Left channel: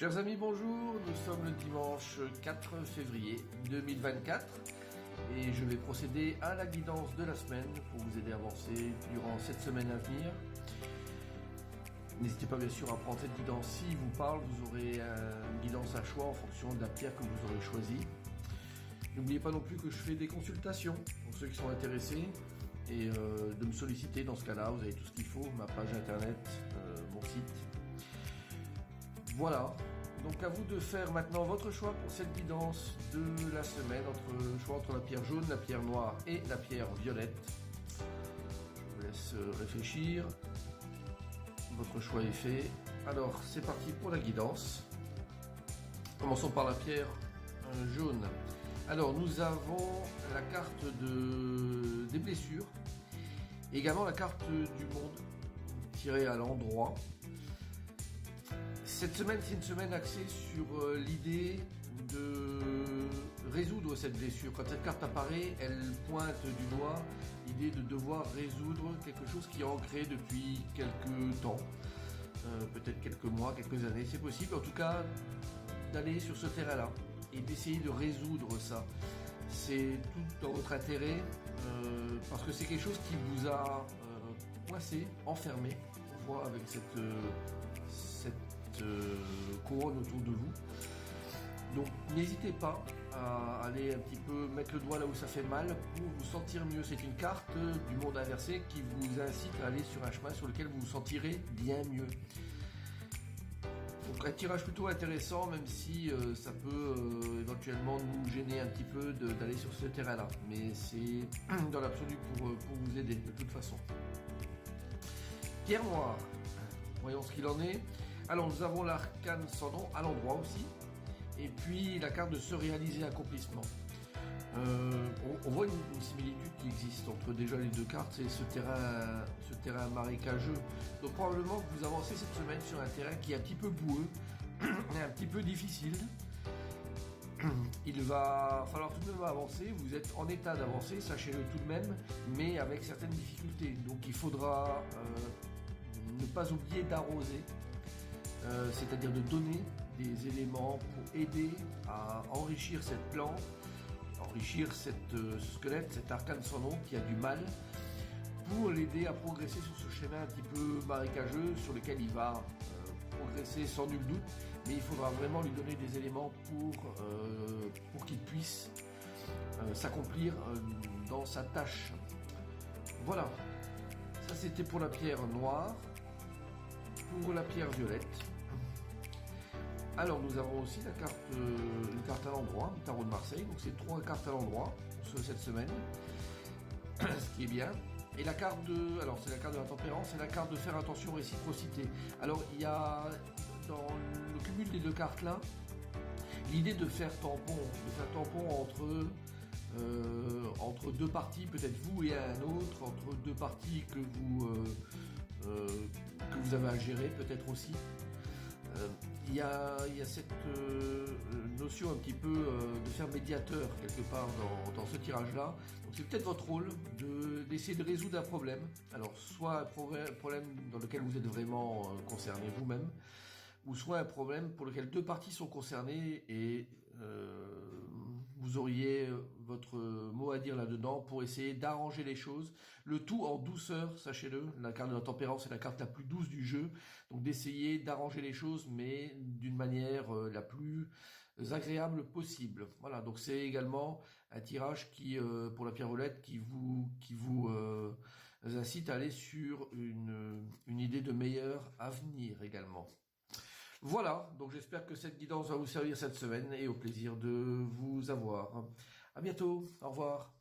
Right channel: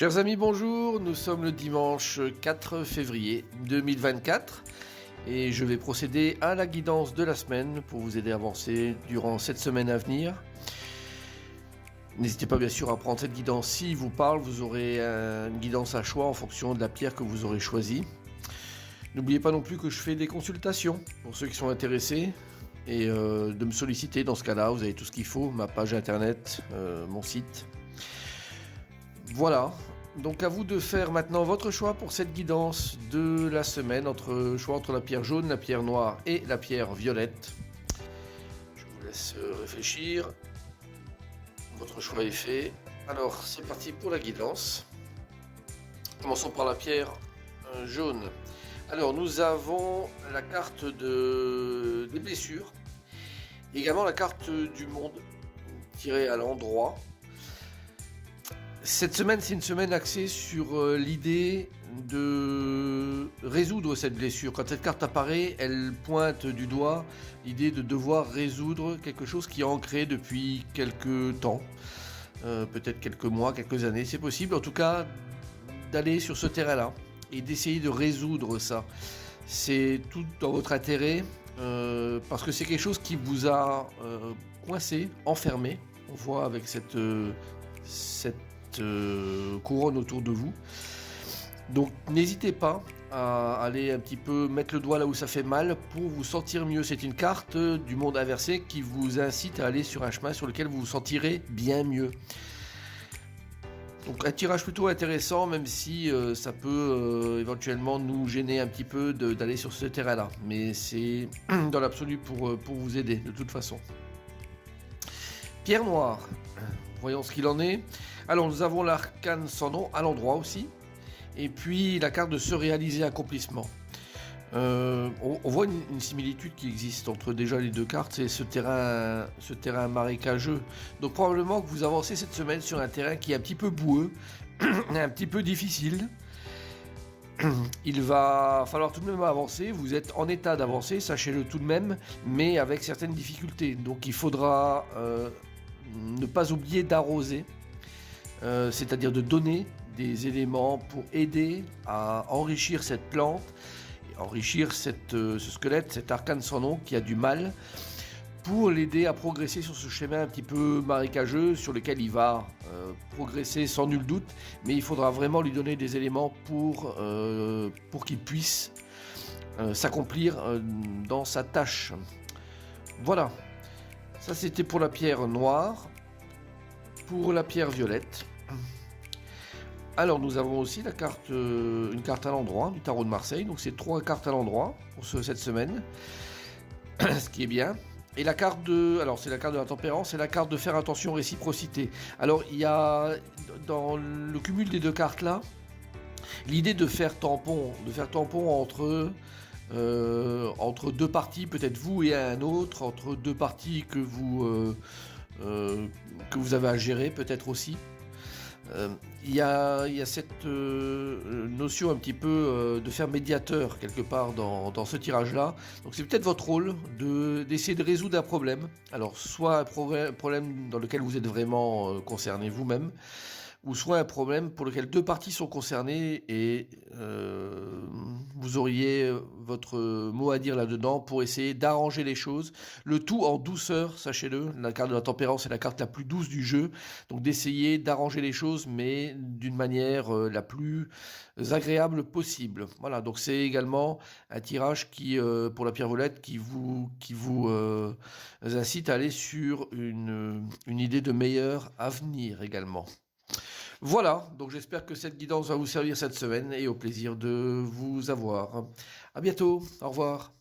Chers amis, bonjour, nous sommes le dimanche 4 février 2024 et je vais procéder à la guidance de la semaine pour vous aider à avancer durant cette semaine à venir. N'hésitez pas bien sûr à prendre cette guidance s'il vous parle, vous aurez une guidance à choix en fonction de la pierre que vous aurez choisie. N'oubliez pas non plus que je fais des consultations pour ceux qui sont intéressés et de me solliciter dans ce cas-là, vous avez tout ce qu'il faut, ma page internet, mon site. Voilà, donc à vous de faire maintenant votre choix pour cette guidance de la semaine, choix entre la pierre jaune, la pierre noire et la pierre violette. Je vous laisse réfléchir. Votre choix est fait. Alors c'est parti pour la guidance. Commençons par la pierre jaune. Alors nous avons la carte des blessures, également la carte du monde tirée à l'endroit. Cette semaine, c'est une semaine axée sur l'idée de résoudre cette blessure. Quand cette carte apparaît, elle pointe du doigt l'idée de devoir résoudre quelque chose qui est ancré depuis quelques temps, peut-être quelques mois, quelques années, c'est possible. En tout cas, d'aller sur ce terrain-là et d'essayer de résoudre ça. C'est tout dans votre intérêt, parce que c'est quelque chose qui vous a coincé, enfermé. On voit avec cette couronne autour de vous. Donc n'hésitez pas à aller un petit peu mettre le doigt là où ça fait mal pour vous sentir mieux. C'est une carte du monde inversé qui vous incite à aller sur un chemin sur lequel vous vous sentirez bien mieux. Donc un tirage plutôt intéressant, même si ça peut éventuellement nous gêner un petit peu d'aller sur ce terrain là, mais c'est dans l'absolu pour vous aider de toute façon. Pierre noire, voyons ce qu'il en est. Alors nous avons l'arcane sans nom à l'endroit aussi, et puis la carte de se réaliser accomplissement. On voit une similitude qui existe entre déjà les deux cartes, c'est ce terrain marécageux. Donc probablement que vous avancez cette semaine sur un terrain qui est un petit peu boueux, un petit peu difficile. Il va falloir tout de même avancer, vous êtes en état d'avancer, sachez-le tout de même, mais avec certaines difficultés. Donc il faudra ne pas oublier d'arroser. C'est-à-dire de donner des éléments pour aider à enrichir cette plante, enrichir ce squelette, cet arcane sans nom qui a du mal, pour l'aider à progresser sur ce chemin un petit peu marécageux sur lequel il va progresser sans nul doute, mais il faudra vraiment lui donner des éléments pour qu'il puisse s'accomplir dans sa tâche. Voilà, ça c'était pour la pierre noire. Pour la pierre violette, alors nous avons aussi une carte à l'endroit du tarot de Marseille, donc c'est 3 cartes à l'endroit pour cette semaine, ce qui est bien. Et la carte c'est la carte de la tempérance et la carte de faire attention réciprocité. Alors il y a dans le cumul des deux cartes là, l'idée de faire tampon entre deux parties, peut-être vous et un autre, entre deux parties que vous avez à gérer peut-être aussi. Il y a cette notion un petit peu de faire médiateur quelque part dans ce tirage-là. Donc c'est peut-être votre rôle d'essayer de résoudre un problème. Alors soit un problème dans lequel vous êtes vraiment concerné vous-même, ou soit un problème pour lequel deux parties sont concernées et vous auriez votre mot à dire là-dedans pour essayer d'arranger les choses. Le tout en douceur, sachez-le. La carte de la tempérance est la carte la plus douce du jeu. Donc d'essayer d'arranger les choses, mais d'une manière la plus agréable possible. Voilà, donc c'est également un tirage qui, pour la pierre violette, qui vous incite à aller sur une idée de meilleur avenir également. Voilà, donc j'espère que cette guidance va vous servir cette semaine et au plaisir de vous avoir. À bientôt, au revoir.